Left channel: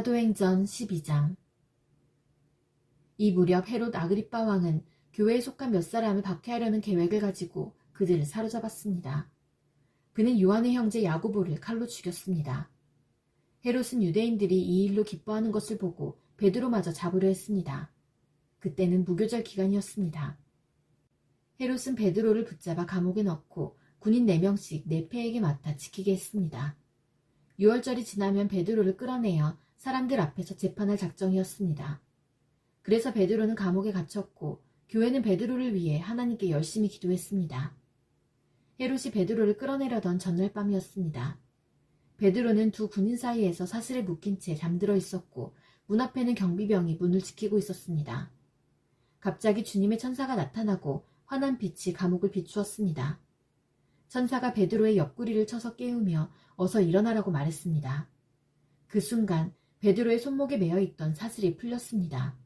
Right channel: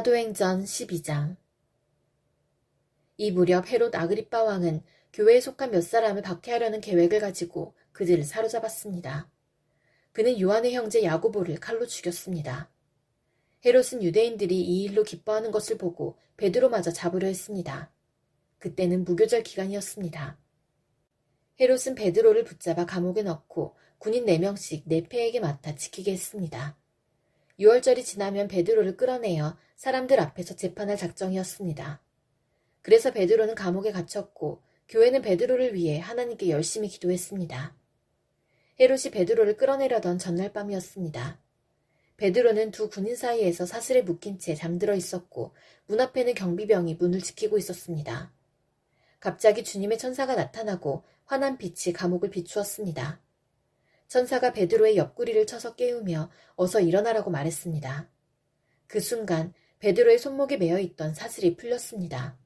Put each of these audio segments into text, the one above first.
사도행전 12장 이 무렵 헤롯 아그리빠 왕은 교회에 속한 몇 사람을 박해하려는 계획을 가지고 그들을 사로잡았습니다. 그는 요한의 형제 야고보를 칼로 죽였습니다. 헤롯은 유대인들이 이 일로 기뻐하는 것을 보고 베드로마저 잡으려 했습니다. 그때는 무교절 기간이었습니다. 헤롯은 베드로를 붙잡아 감옥에 넣고 군인 4명씩 네페에게 맡아 지키게 했습니다. 6월절이 지나면 베드로를 끌어내어 사람들 앞에서 재판할 작정이었습니다. 그래서 베드로는 감옥에 갇혔고 교회는 베드로를 위해 하나님께 열심히 기도했습니다. 헤롯이 베드로를 끌어내려던 전날 밤이었습니다. 베드로는 두 군인 사이에서 사슬에 묶인 채 잠들어 있었고 문 앞에는 경비병이 문을 지키고 있었습니다. 갑자기 주님의 천사가 나타나고 환한 빛이 감옥을 비추었습니다. 천사가 베드로의 옆구리를 쳐서 깨우며 어서 일어나라고 말했습니다. 그 순간 베드로의 손목에 매어 있던 사슬이 풀렸습니다.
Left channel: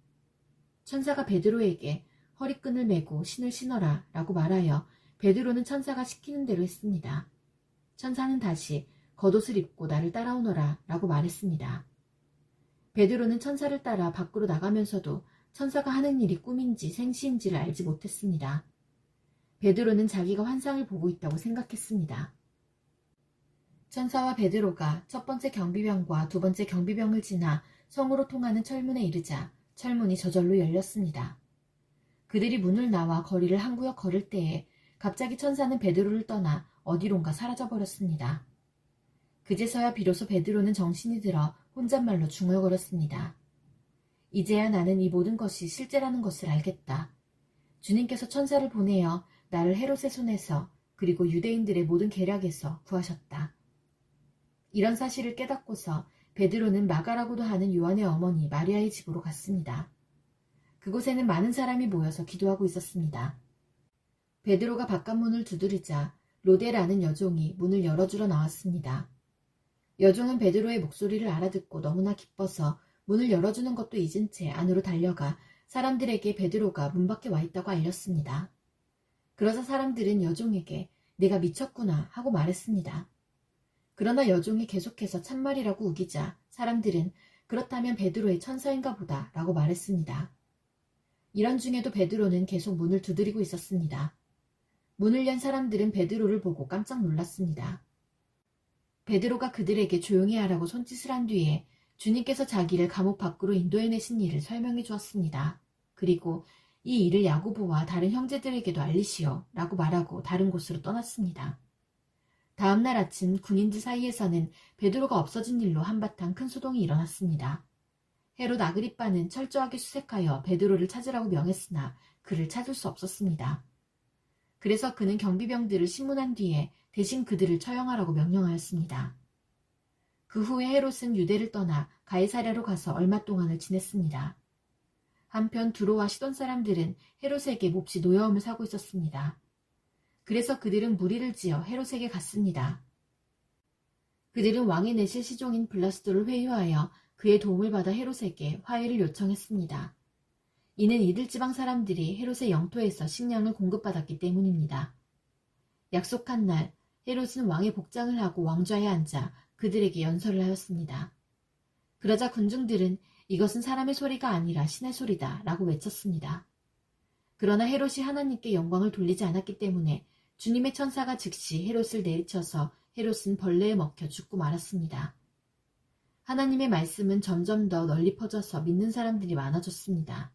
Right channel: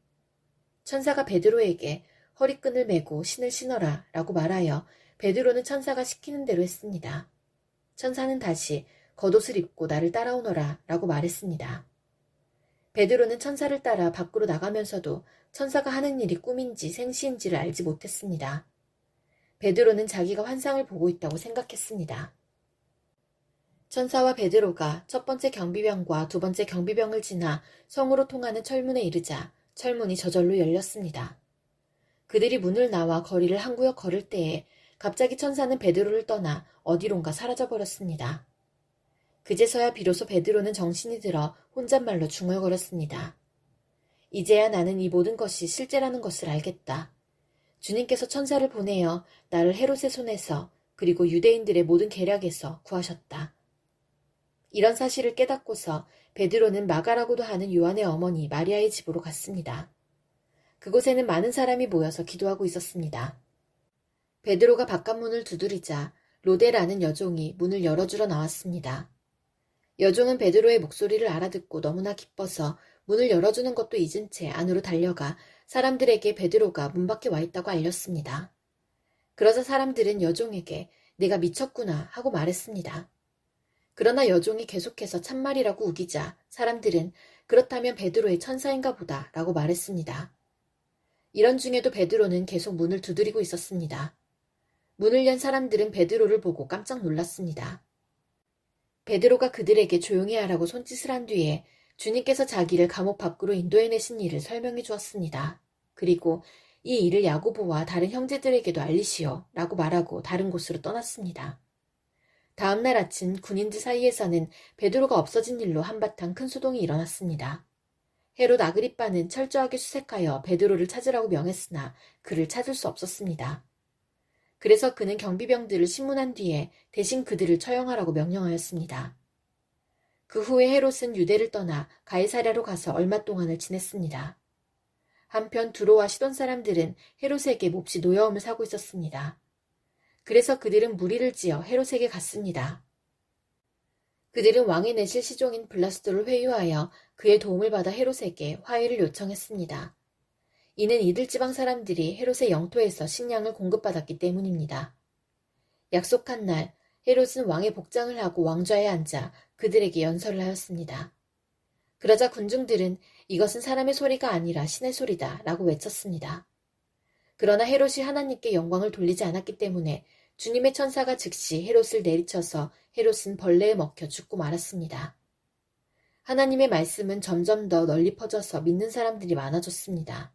천사가 베드로에게 허리끈을 메고 신을 신어라 라고 말하여 베드로는 천사가 시키는 대로 했습니다. 천사는 다시 겉옷을 입고 나를 따라오너라 라고 말했습니다. 베드로는 천사를 따라 밖으로 나가면서도 천사가 하는 일이 꿈인지 생시인지를 알지 못했습니다. 베드로는 자기가 환상을 보고 있다고 생각했습니다. 천사와 베드로가 첫 번째 경비병과 두 번째 경비병을 지나 성으로 통하는 철문에 이르자 철문이 저절로 열렸습니다. 그들이 문을 나와 거리를 한 구역 걸을 때에 갑자기 천사는 베드로를 떠나 어디론가 사라져 버렸습니다. 그제서야 비로소 베드로는 정신이 들어 혼잣말로 중얼거렸습니다. 이제야 나는 이 모든 것이 실제라는 것을 알겠다. 주님께서 천사를 보내어 나를 헤롯의 손에서 그리고 유대인들의 모든 계략에서 구하셨다. 이런 사실을 깨닫고서 베드로는 마가라고도 하는 요한의 어머니 마리아의 집으로 갔습니다. 그곳에는 많은 사람이 모여서 기도하고 있었습니다. 베드로가 바깥문을 두드리자 로데라는 여종이 문을 열어주러 나왔습니다. 여종은 베드로의 목소리를 알아듣고 너무나 기뻐서 문을 열어주는 것도 잊은 채 안으로 달려가 사람들에게 베드로가 문 밖에 와 있다고 알렸습니다. 그러자 사람들은 여종에게 내가 미쳤구나 하고 말했습니다. 그러나 여종이 계속해서 참말이라고 우기자 사람들은 그렇다면 베드로의 천사인가 보다 라고 말했습니다. 이런 중에도 베드로는 계속 문을 두드리고 있었습니다. 문을 연 사람들은 베드로를 보고 깜짝 놀랐습니다. 베드로가 그들에게 조용히 하라고 손짓을 한 뒤에 주님께서 자기를 감옥 밖으로 인도해내신 일을 설명해 주었습니다. 그리고 이 일을 야고보와 다른 형제들에게도 알리시오 라고 말하고 다른 곳으로 떠났습니다. 다음날 아침 군인들 사이에서는 베드로가 없어진 일로 한바탕 큰 소동이 일어났습니다. 헤롯 아그리빠는 철저하게 수색하여 베드로를 찾으라고 명했으나 그를 찾을 수 없었습니다. 그래서 그는 경비병들을 신문한 뒤에 대신 그들을 처형하라고 명령하였습니다. 그 후에 헤롯은 유대를 떠나 가이사랴로 가서 얼마 동안을 지냈습니다. 한편 두로와 시돈 사람들은 헤롯에게 몹시 노여움을 사고 있었습니다. 그래서 그들은 무리를 지어 헤롯에게 갔습니다. 그들은 왕의 내실 시종인 블라스도를 회유하여 그의 도움을 받아 헤롯에게 화해를 요청했습니다. 이는 이들 지방 사람들이 헤롯의 영토에서 식량을 공급받았기 때문입니다. 약속한 날 헤롯은 왕의 복장을 하고 왕좌에 앉아 그들에게 연설을 하였습니다. 그러자 군중들은 이것은 사람의 소리가 아니라 신의 소리다 라고 외쳤습니다. 그러나 헤롯이 하나님께 영광을 돌리지 않았기 때문에 주님의 천사가 즉시 헤롯을 내리쳐서 헤롯은 벌레에 먹혀 죽고 말았습니다. 하나님의 말씀은 점점 더 널리 퍼져서 믿는 사람들이 많아졌습니다.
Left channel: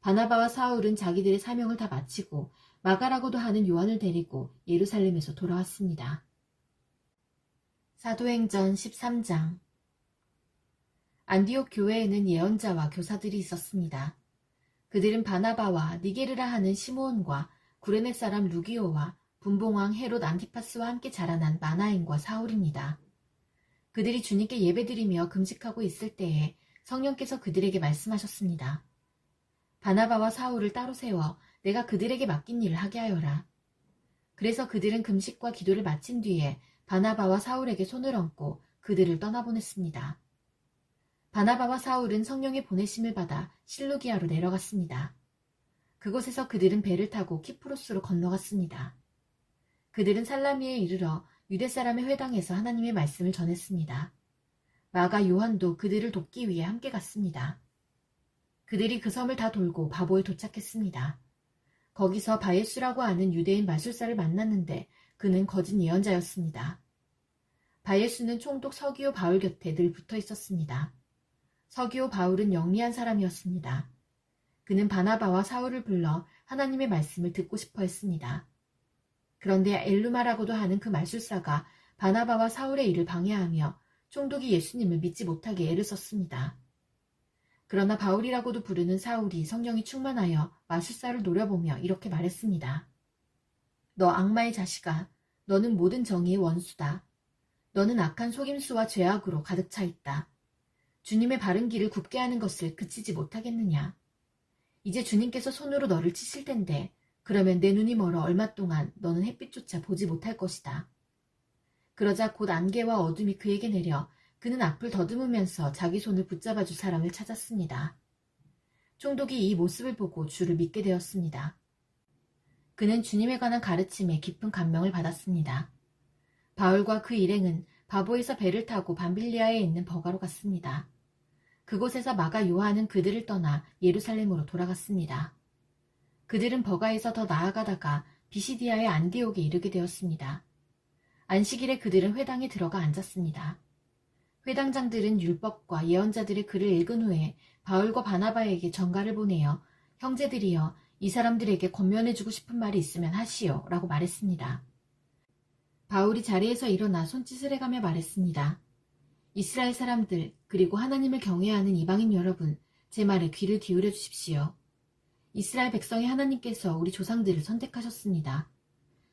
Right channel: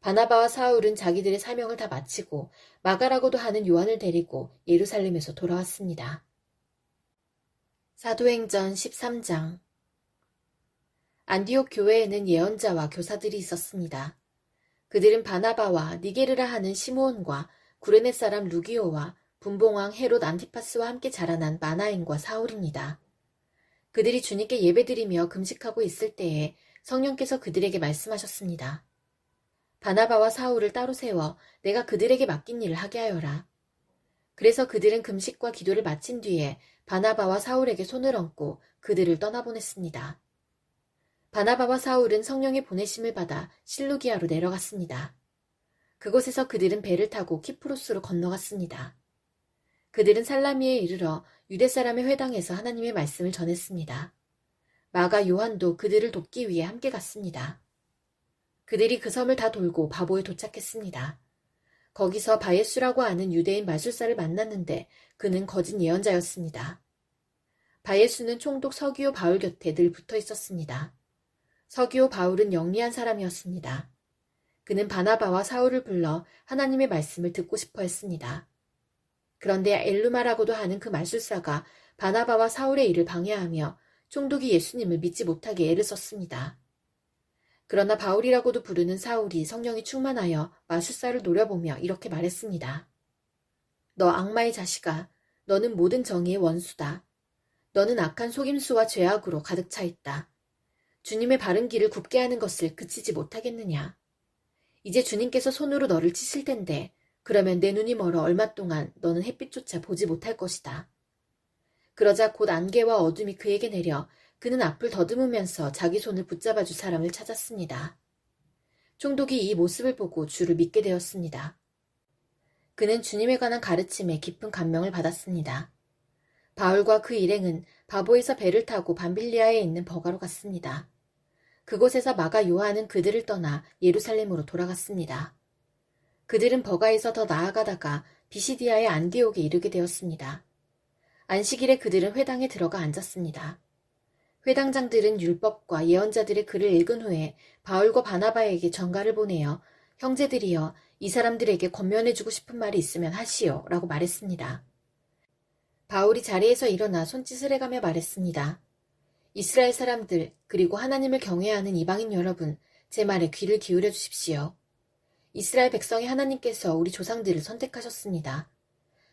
바나바와 사울은 자기들의 사명을 다 마치고 마가라고도 하는 요한을 데리고 예루살렘에서 돌아왔습니다. 사도행전 13장 안디옥 교회에는 예언자와 교사들이 있었습니다. 그들은 바나바와 니게르라 하는 시므온과 구레네 사람 루기오와 분봉왕 헤롯 안티파스와 함께 자라난 마나인과 사울입니다. 그들이 주님께 예배드리며 금식하고 있을 때에 성령께서 그들에게 말씀하셨습니다. 바나바와 사울을 따로 세워 내가 그들에게 맡긴 일을 하게 하여라. 그래서 그들은 금식과 기도를 마친 뒤에 바나바와 사울에게 손을 얹고 그들을 떠나보냈습니다. 바나바와 사울은 성령의 보내심을 받아 실루기아로 내려갔습니다. 그곳에서 그들은 배를 타고 키프로스로 건너갔습니다. 그들은 살라미에 이르러 유대 사람의 회당에서 하나님의 말씀을 전했습니다. 마가 요한도 그들을 돕기 위해 함께 갔습니다. 그들이 그 섬을 다 돌고 바보에 도착했습니다. 거기서 바예수라고 하는 유대인 마술사를 만났는데 그는 거짓 예언자였습니다. 바예수는 총독 서기오 바울 곁에 늘 붙어 있었습니다. 서기오 바울은 영리한 사람이었습니다. 그는 바나바와 사울을 불러 하나님의 말씀을 듣고 싶어 했습니다. 그런데 엘루마라고도 하는 그 마술사가 바나바와 사울의 일을 방해하며 총독이 예수님을 믿지 못하게 애를 썼습니다. 그러나 바울이라고도 부르는 사울이 성령이 충만하여 마술사를 노려보며 이렇게 말했습니다. 너 악마의 자식아, 너는 모든 정의의 원수다. 너는 악한 속임수와 죄악으로 가득 차 있다. 주님의 바른 길을 굽게 하는 것을 그치지 못하겠느냐. 이제 주님께서 손으로 너를 치실 텐데, 그러면 내 눈이 멀어 얼마 동안 너는 햇빛조차 보지 못할 것이다. 그러자 곧 안개와 어둠이 그에게 내려 그는 앞을 더듬으면서 자기 손을 붙잡아 줄 사람을 찾았습니다. 총독이 이 모습을 보고 주를 믿게 되었습니다. 그는 주님에 관한 가르침에 깊은 감명을 받았습니다. 바울과 그 일행은 바보에서 배를 타고 밤빌리아에 있는 버가로 갔습니다. 그곳에서 마가 요한은 그들을 떠나 예루살렘으로 돌아갔습니다. 그들은 버가에서 더 나아가다가 비시디아의 안디옥에 이르게 되었습니다. 안식일에 그들은 회당에 들어가 앉았습니다. 회당장들은 율법과 예언자들의 글을 읽은 후에 바울과 바나바에게 전가를 보내어 형제들이여 이 사람들에게 권면해주고 싶은 말이 있으면 하시오 라고 말했습니다. 바울이 자리에서 일어나 손짓을 해가며 말했습니다. 이스라엘 사람들 그리고 하나님을 경외하는 이방인 여러분 제 말에 귀를 기울여 주십시오. 이스라엘 백성의 하나님께서 우리 조상들을 선택하셨습니다.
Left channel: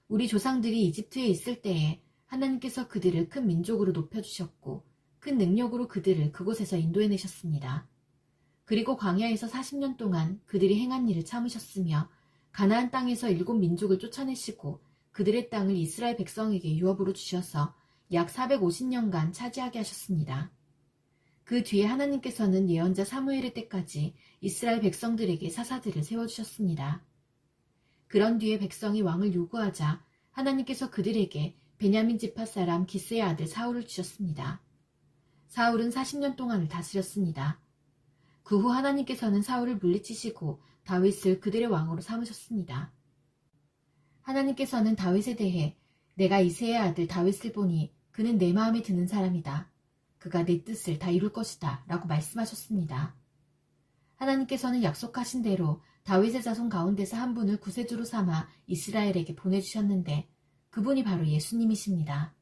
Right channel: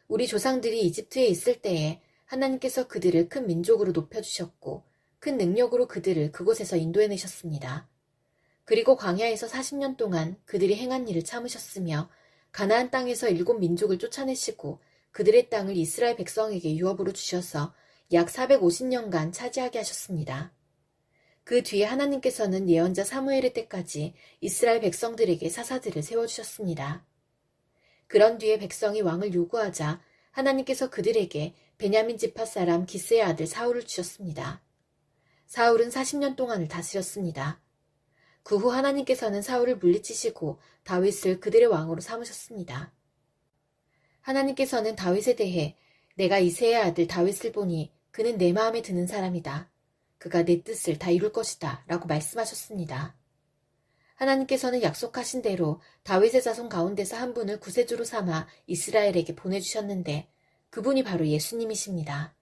우리 조상들이 이집트에 있을 때에 하나님께서 그들을 큰 민족으로 높여주셨고 큰 능력으로 그들을 그곳에서 인도해내셨습니다. 그리고 광야에서 40년 동안 그들이 행한 일을 참으셨으며 가나안 땅에서 일곱 민족을 쫓아내시고 그들의 땅을 이스라엘 백성에게 유업으로 주셔서 약 450년간 차지하게 하셨습니다. 그 뒤에 하나님께서는 예언자 사무엘의 때까지 이스라엘 백성들에게 사사들을 세워주셨습니다. 그런 뒤에 백성이 왕을 요구하자 하나님께서 그들에게 베냐민 지파 사람 기스의 아들 사울을 주셨습니다. 사울은 40년 동안을 다스렸습니다. 그 후 하나님께서는 사울을 물리치시고 다윗을 그들의 왕으로 삼으셨습니다. 하나님께서는 다윗에 대해 내가 이세의 아들 다윗을 보니 그는 내 마음에 드는 사람이다. 그가 내 뜻을 다 이룰 것이다. 라고 말씀하셨습니다. 하나님께서는 약속하신 대로 다윗의 자손 가운데서 한 분을 구세주로 삼아 이스라엘에게 보내주셨는데 그분이 바로 예수님이십니다.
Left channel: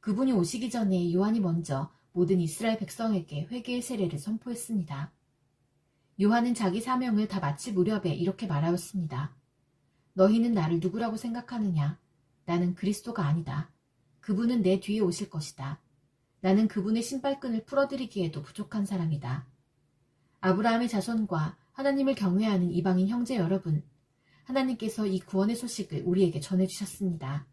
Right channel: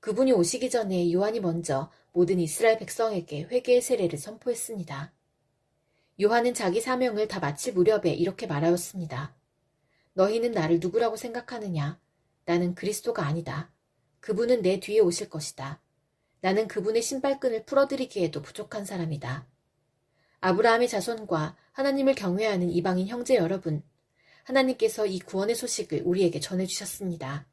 그분이 오시기 전에 요한이 먼저 모든 이스라엘 백성에게 회개의 세례를 선포했습니다. 요한은 자기 사명을 다 마칠 무렵에 이렇게 말하였습니다. 너희는 나를 누구라고 생각하느냐? 나는 그리스도가 아니다. 그분은 내 뒤에 오실 것이다. 나는 그분의 신발끈을 풀어드리기에도 부족한 사람이다. 아브라함의 자손과 하나님을 경외하는 이방인 형제 여러분, 하나님께서 이 구원의 소식을 우리에게 전해주셨습니다.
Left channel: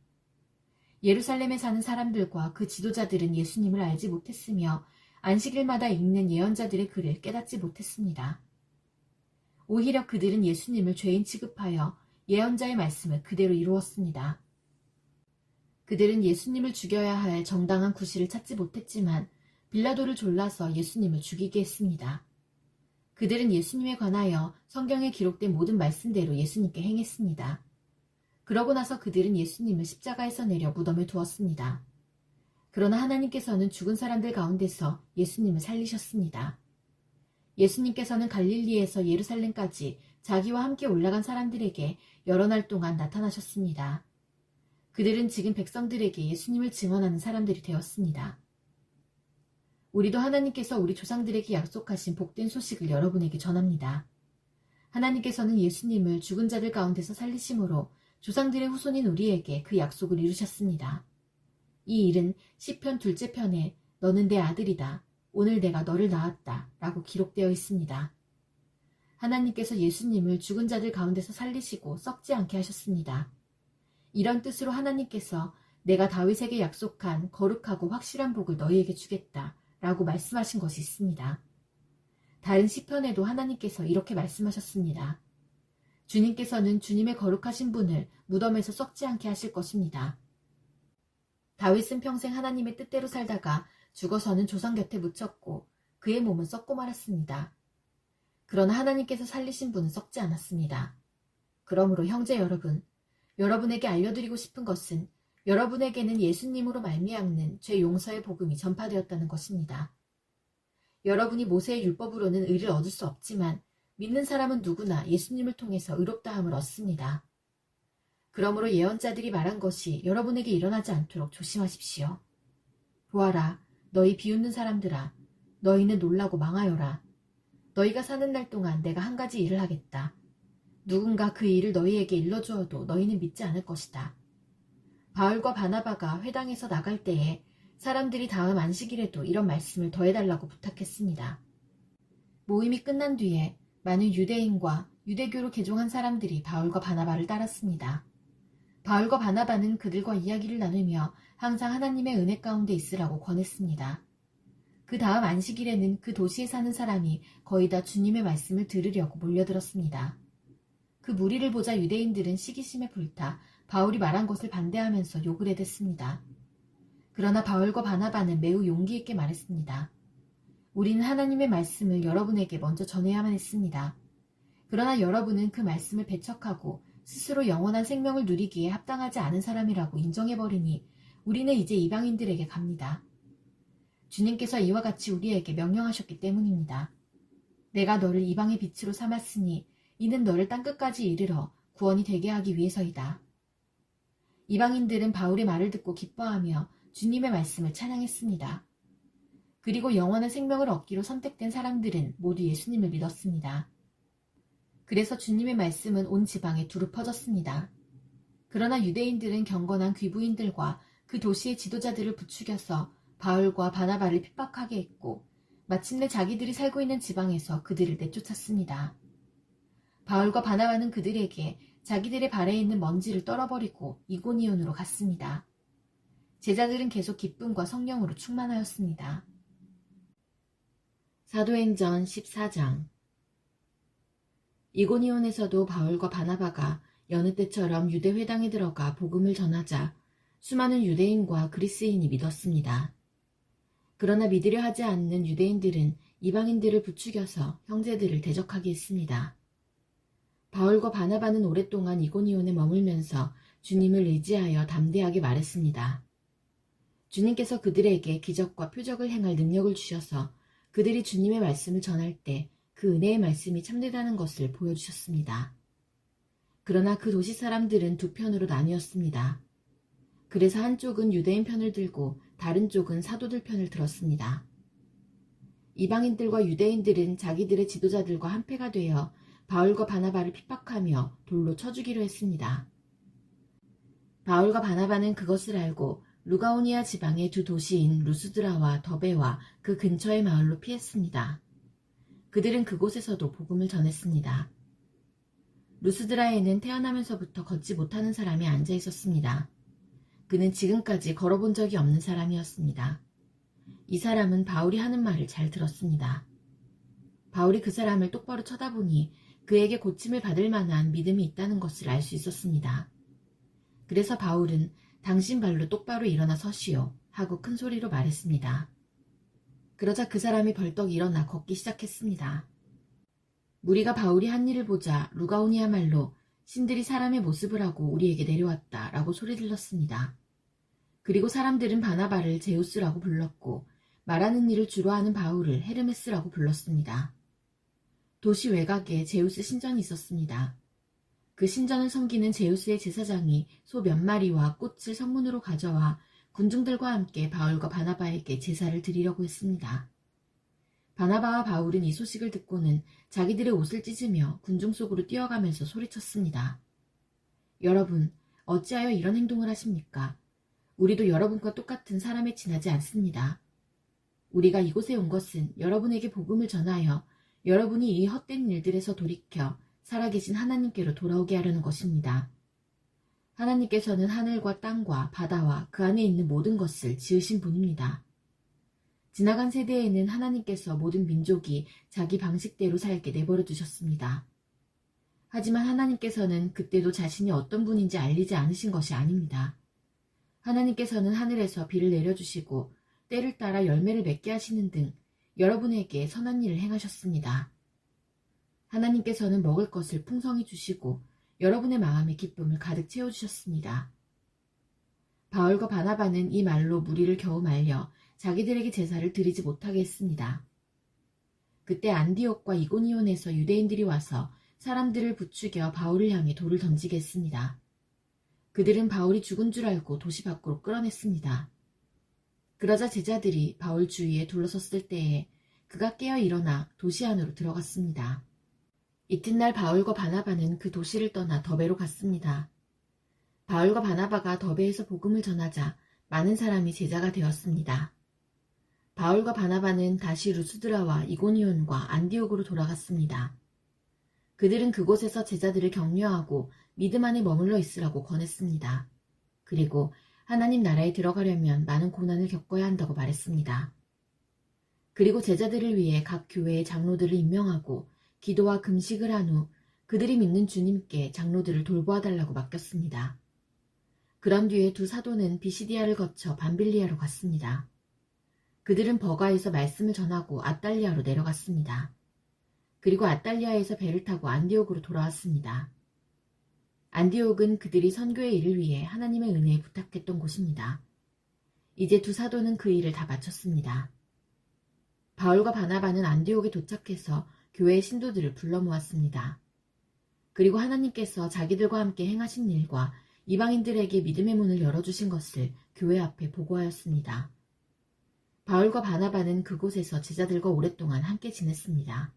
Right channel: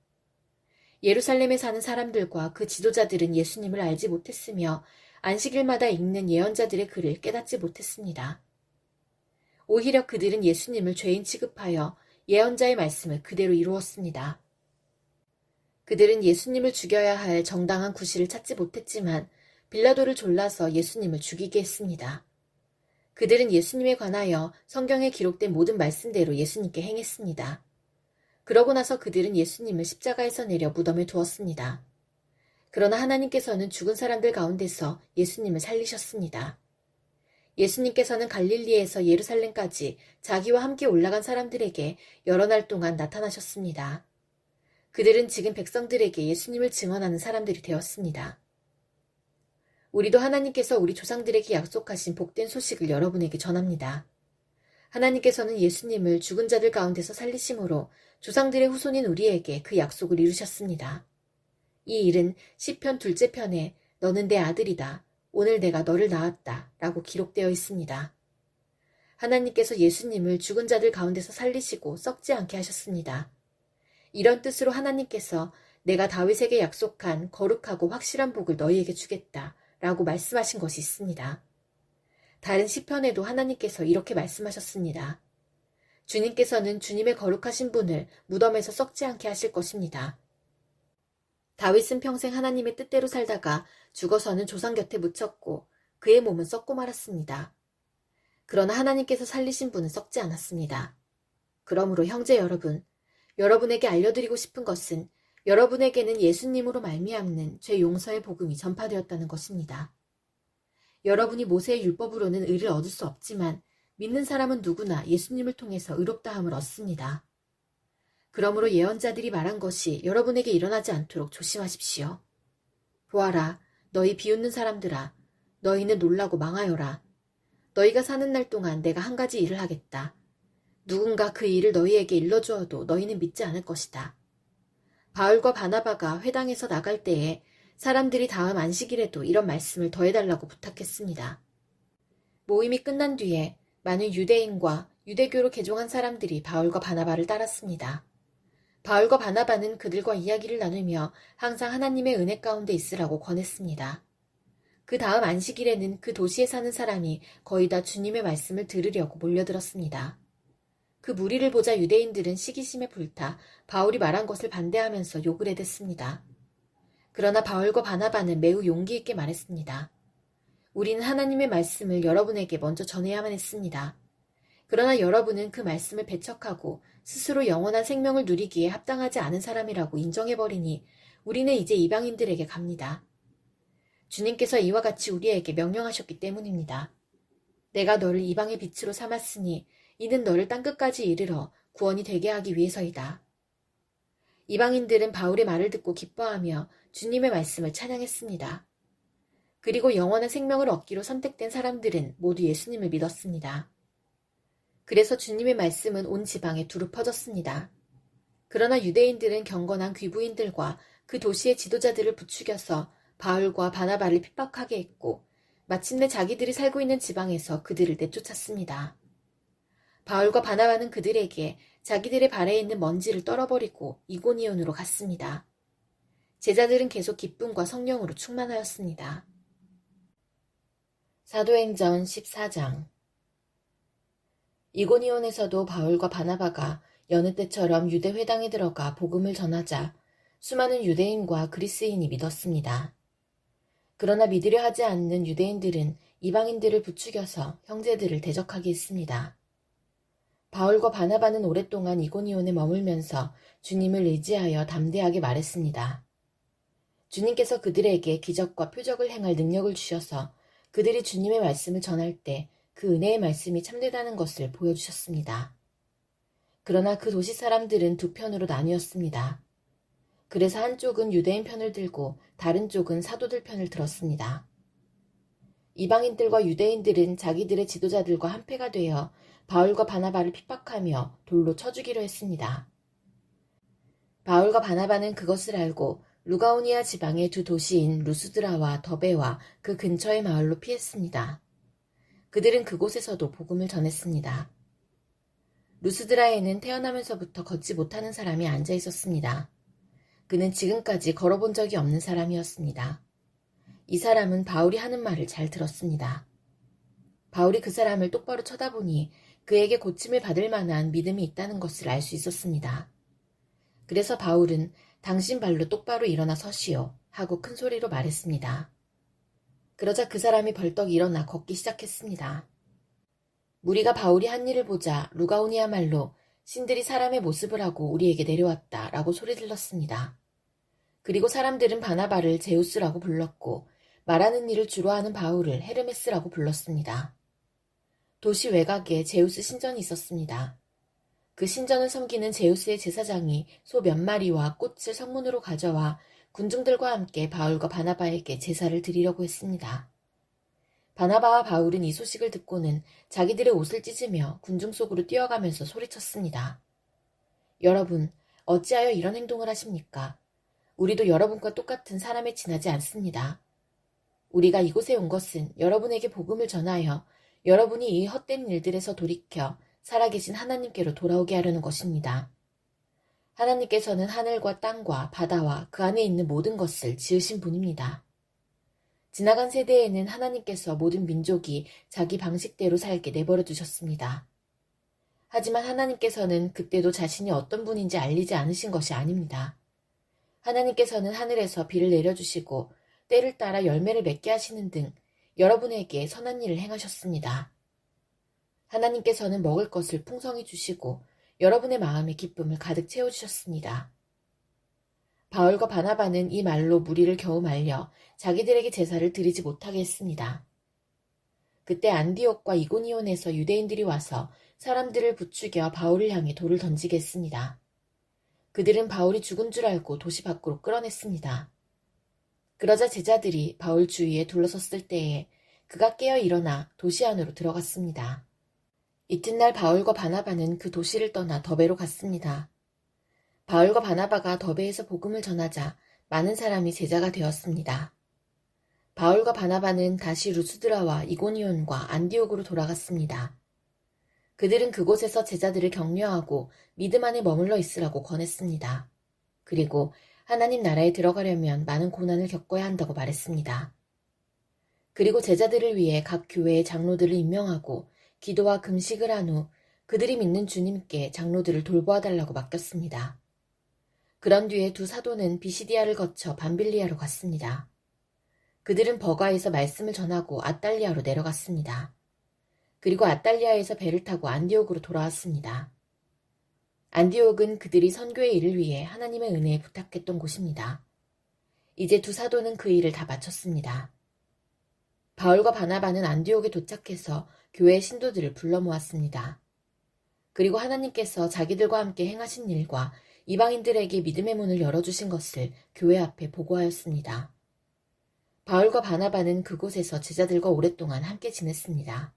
예루살렘에 사는 사람들과 그 지도자들은 예수님을 알지 못했으며 안식일마다 읽는 예언자들의 글을 깨닫지 못했습니다. 오히려 그들은 예수님을 죄인 취급하여 예언자의 말씀을 그대로 이루었습니다. 그들은 예수님을 죽여야 할 정당한 구실을 찾지 못했지만 빌라도를 졸라서 예수님을 죽이게 했습니다. 그들은 예수님에 관하여 성경에 기록된 모든 말씀대로 예수님께 행했습니다. 그러고 나서 그들은 예수님을 십자가에서 내려 무덤에 두었습니다. 그러나 하나님께서는 죽은 사람들 가운데서 예수님을 살리셨습니다. 예수님께서는 갈릴리에서 예루살렘까지 자기와 함께 올라간 사람들에게 여러 날 동안 나타나셨습니다. 그들은 지금 백성들에게 예수님을 증언하는 사람들이 되었습니다. 우리도 하나님께서 우리 조상들에게 약속하신 복된 소식을 여러분에게 전합니다. 하나님께서는 예수님을 죽은 자들 가운데서 살리심으로 조상들의 후손인 우리에게 그 약속을 이루셨습니다. 이 일은 시편 둘째 편에 너는 내 아들이다. 오늘 내가 너를 낳았다. 라고 기록되어 있습니다. 하나님께서 예수님을 죽은 자들 가운데서 살리시고 썩지 않게 하셨습니다. 이런 뜻으로 하나님께서 내가 다윗에게 약속한 거룩하고 확실한 복을 너희에게 주겠다. 라고 말씀하신 것이 있습니다. 다른 시편에도 하나님께서 이렇게 말씀하셨습니다. 주님께서는 주님의 거룩하신 분을 무덤에서 썩지 않게 하실 것입니다. 다윗은 평생 하나님의 뜻대로 살다가 죽어서는 조상 곁에 묻혔고 그의 몸은 썩고 말았습니다. 그러나 하나님께서 살리신 분은 썩지 않았습니다. 그러므로 형제 여러분, 여러분에게 알려드리고 싶은 것은 여러분에게는 예수님으로 말미암는 죄 용서의 복음이 전파되었다는 것입니다. 여러분이 모세의 율법으로는 의를 얻을 수 없지만 믿는 사람은 누구나 예수님을 통해서 의롭다함을 얻습니다. 그러므로 예언자들이 말한 것이 여러분에게 일어나지 않도록 조심하십시오. 보아라, 너희 비웃는 사람들아, 너희는 놀라고 망하여라. 너희가 사는 날 동안 내가 한 가지 일을 하겠다. 누군가 그 일을 너희에게 일러주어도 너희는 믿지 않을 것이다. 바울과 바나바가 회당에서 나갈 때에 사람들이 다음 안식일에도 이런 말씀을 더해달라고 부탁했습니다. 모임이 끝난 뒤에 많은 유대인과 유대교로 개종한 사람들이 바울과 바나바를 따랐습니다. 바울과 바나바는 그들과 이야기를 나누며 항상 하나님의 은혜 가운데 있으라고 권했습니다. 그 다음 안식일에는 그 도시에 사는 사람이 거의 다 주님의 말씀을 들으려고 몰려들었습니다. 그 무리를 보자 유대인들은 시기심에 불타 바울이 말한 것을 반대하면서 욕을 해댔습니다. 그러나 바울과 바나바는 매우 용기 있게 말했습니다. 우리는 하나님의 말씀을 여러분에게 먼저 전해야만 했습니다. 그러나 여러분은 그 말씀을 배척하고 스스로 영원한 생명을 누리기에 합당하지 않은 사람이라고 인정해버리니 우리는 이제 이방인들에게 갑니다. 주님께서 이와 같이 우리에게 명령하셨기 때문입니다. 내가 너를 이방의 빛으로 삼았으니 이는 너를 땅끝까지 이르러 구원이 되게 하기 위해서이다. 이방인들은 바울의 말을 듣고 기뻐하며 주님의 말씀을 찬양했습니다. 그리고 영원한 생명을 얻기로 선택된 사람들은 모두 예수님을 믿었습니다. 그래서 주님의 말씀은 온 지방에 두루 퍼졌습니다. 그러나 유대인들은 경건한 귀부인들과 그 도시의 지도자들을 부추겨서 바울과 바나바를 핍박하게 했고 마침내 자기들이 살고 있는 지방에서 그들을 내쫓았습니다. 바울과 바나바는 그들에게 자기들의 발에 있는 먼지를 떨어버리고 이고니온으로 갔습니다. 제자들은 계속 기쁨과 성령으로 충만하였습니다. 사도행전 14장 이고니온에서도 바울과 바나바가 여느 때처럼 유대 회당에 들어가 복음을 전하자 수많은 유대인과 그리스인이 믿었습니다. 그러나 믿으려 하지 않는 유대인들은 이방인들을 부추겨서 형제들을 대적하게 했습니다. 바울과 바나바는 오랫동안 이고니온에 머물면서 주님을 의지하여 담대하게 말했습니다. 주님께서 그들에게 기적과 표적을 행할 능력을 주셔서 그들이 주님의 말씀을 전할 때 그 은혜의 말씀이 참되다는 것을 보여주셨습니다. 그러나 그 도시 사람들은 두 편으로 나뉘었습니다. 그래서 한쪽은 유대인 편을 들고 다른 쪽은 사도들 편을 들었습니다. 이방인들과 유대인들은 자기들의 지도자들과 한패가 되어 바울과 바나바를 핍박하며 돌로 쳐주기로 했습니다. 바울과 바나바는 그것을 알고 루가오니아 지방의 두 도시인 루스드라와 더베와 그 근처의 마을로 피했습니다. 그들은 그곳에서도 복음을 전했습니다. 루스드라에는 태어나면서부터 걷지 못하는 사람이 앉아 있었습니다. 그는 지금까지 걸어본 적이 없는 사람이었습니다. 이 사람은 바울이 하는 말을 잘 들었습니다. 바울이 그 사람을 똑바로 쳐다보니 그에게 고침을 받을 만한 믿음이 있다는 것을 알 수 있었습니다. 그래서 바울은 당신 발로 똑바로 일어나 서시오 하고 큰 소리로 말했습니다. 그러자 그 사람이 벌떡 일어나 걷기 시작했습니다. 무리가 바울이 한 일을 보자 루가오니아 말로 신들이 사람의 모습을 하고 우리에게 내려왔다 라고 소리 질렀습니다. 그리고 사람들은 바나바를 제우스라고 불렀고 말하는 일을 주로 하는 바울을 헤르메스라고 불렀습니다. 도시 외곽에 제우스 신전이 있었습니다. 그 신전을 섬기는 제우스의 제사장이 소 몇 마리와 꽃을 성문으로 가져와 군중들과 함께 바울과 바나바에게 제사를 드리려고 했습니다. 바나바와 바울은 이 소식을 듣고는 자기들의 옷을 찢으며 군중 속으로 뛰어가면서 소리쳤습니다. 여러분, 어찌하여 이런 행동을 하십니까? 우리도 여러분과 똑같은 사람에 지나지 않습니다. 우리가 이곳에 온 것은 여러분에게 복음을 전하여 여러분이 이 헛된 일들에서 돌이켜 살아계신 하나님께로 돌아오게 하려는 것입니다. 하나님께서는 하늘과 땅과 바다와 그 안에 있는 모든 것을 지으신 분입니다. 지나간 세대에는 하나님께서 모든 민족이 자기 방식대로 살게 내버려 두셨습니다. 하지만 하나님께서는 그때도 자신이 어떤 분인지 알리지 않으신 것이 아닙니다. 하나님께서는 하늘에서 비를 내려주시고 때를 따라 열매를 맺게 하시는 등 여러분에게 선한 일을 행하셨습니다. 하나님께서는 먹을 것을 풍성히 주시고 여러분의 마음에 기쁨을 가득 채워주셨습니다. 바울과 바나바는 이 말로 무리를 겨우 말려 자기들에게 제사를 드리지 못하게 했습니다. 그때 안디옥과 이고니온에서 유대인들이 와서 사람들을 부추겨 바울을 향해 돌을 던지게 했습니다. 그들은 바울이 죽은 줄 알고 도시 밖으로 끌어냈습니다. 그러자 제자들이 바울 주위에 둘러섰을 때에 그가 깨어 일어나 도시 안으로 들어갔습니다. 이튿날 바울과 바나바는 그 도시를 떠나 더베로 갔습니다. 바울과 바나바가 더베에서 복음을 전하자 많은 사람이 제자가 되었습니다. 바울과 바나바는 다시 루스드라와 이고니온과 안디옥으로 돌아갔습니다. 그들은 그곳에서 제자들을 격려하고 믿음 안에 머물러 있으라고 권했습니다. 그리고 하나님 나라에 들어가려면 많은 고난을 겪어야 한다고 말했습니다. 그리고 제자들을 위해 각 교회의 장로들을 임명하고 기도와 금식을 한 후 그들이 믿는 주님께 장로들을 돌보아 달라고 맡겼습니다. 그런 뒤에 두 사도는 비시디아를 거쳐 밤빌리아로 갔습니다. 그들은 버가에서 말씀을 전하고 아달리아로 내려갔습니다. 그리고 아달리아에서 배를 타고 안디옥으로 돌아왔습니다. 안디옥은 그들이 선교의 일을 위해 하나님의 은혜에 부탁했던 곳입니다. 이제 두 사도는 그 일을 다 마쳤습니다. 바울과 바나바는 안디옥에 도착해서 교회의 신도들을 불러 모았습니다. 그리고 하나님께서 자기들과 함께 행하신 일과 이방인들에게 믿음의 문을 열어주신 것을 교회 앞에 보고하였습니다. 바울과 바나바는 그곳에서 제자들과 오랫동안 함께 지냈습니다.